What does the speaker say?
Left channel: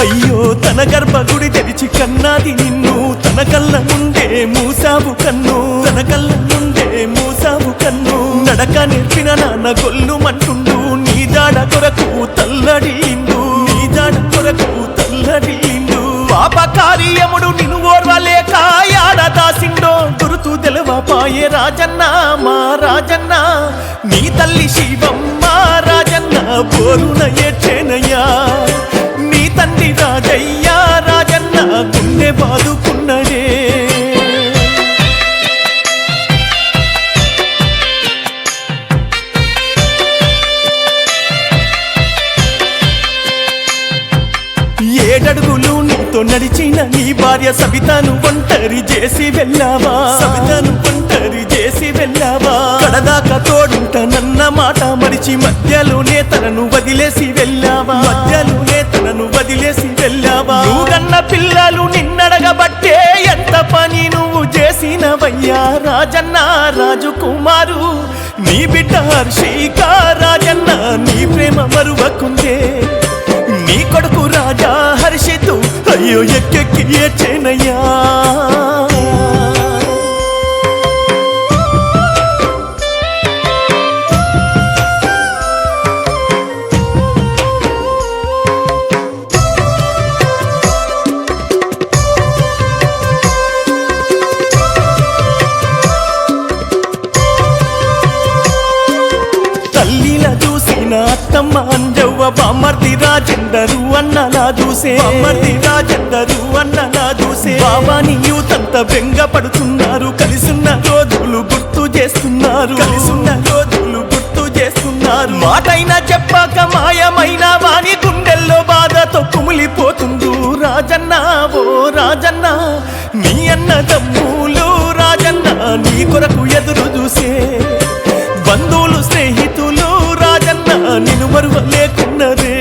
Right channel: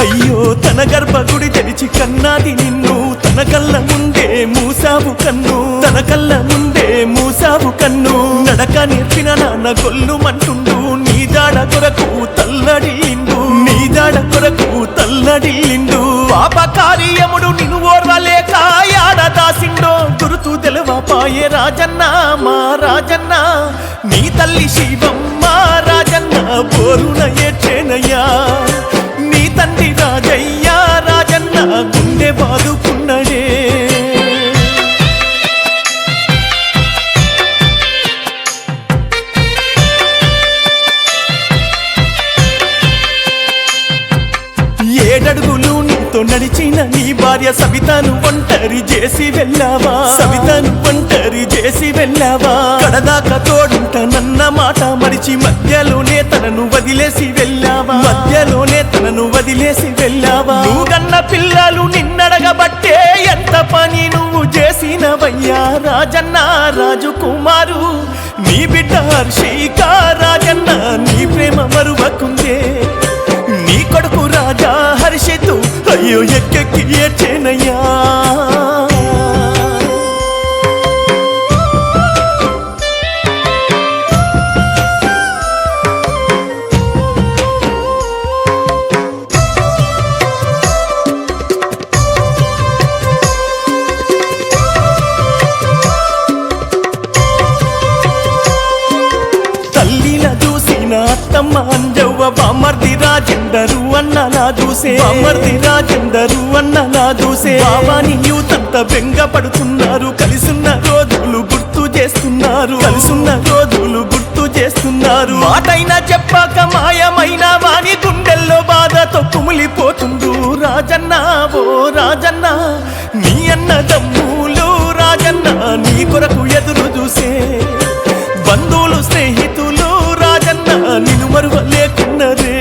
అయ్యో తన గర్భగుడి తెరిచి కన్నాది నిన్ను తన కళ్ళ ముందే మూసావు కన్ను తన కళ్ళ ముందే మూసావు కన్ను నడక నేర్పిన నాన్న గొల్లుమంటుండు నీ దాడ కొరకు తల్లడిల్లిండు నీ దాడ కొరకు తల్లడిల్లిండు పాప కార్యముడు నిన్ను ఓర్వలేక యాడ దాసిండో గురుతు తెలవపాయే రాజన్న మా రాజన్న నీ తల్లి శివమ్మ రాజన్న బోరున ఏడ్చేనయ్యా నీ తండ్రి రాజయ్య రాజన్న గుండె బాదుకున్నడే ఏడడుగులు నీతో నడిచిన నీ భార్య సవితను ఒంటరి చేసి వెళ్ళావా సవితను ఒంటరి చేసి వెళ్ళావా కడదాకా తోడుంటనన్న మాట మరిచి మధ్యలోనే తనను వదిలేసి వెళ్ళావా మధ్యలోనే తనను వదిలేసి వెళ్ళావా నువ్వు కన్న పిల్లలు నిన్నడగబట్టే ఎంత పని నువ్వు చేసినవయ్యా రాజన్న రాజకుమారు నీ బిడ్డ హర్షిక రాజన్న నీ ప్రేమ మరువకుందే నీ కొడుకు రాజా హర్షితు అయ్యో ఎక్కెక్కి ఏడ్చేనయ్యా తల్లిలా చూసిన అత్తమ్మ అంజవ్వ బామర్ది రాజేందరు అన్నలా చూసే బామర్ది రాజేందరు అన్నలా చూసే బాబాని యూతంతా బెంగ పడుతున్నారు కలిసున్న రోజులు గుర్తు చేస్తున్నారు కలిసున్న రోజులు గుర్తు చేస్తున్నారు మాటైనా చెప్పాక మాయమైన వాని గుండెల్లో బాధతో కుమిలిపోతుండు రాజన్న ఓ రాజన్న నీ అన్నదమ్ములు రాజన్న నీ కొరకు ఎదురు చూసే బంధువులు స్నేహితులు రాజన్న నిన్ను మరువలేకున్నరే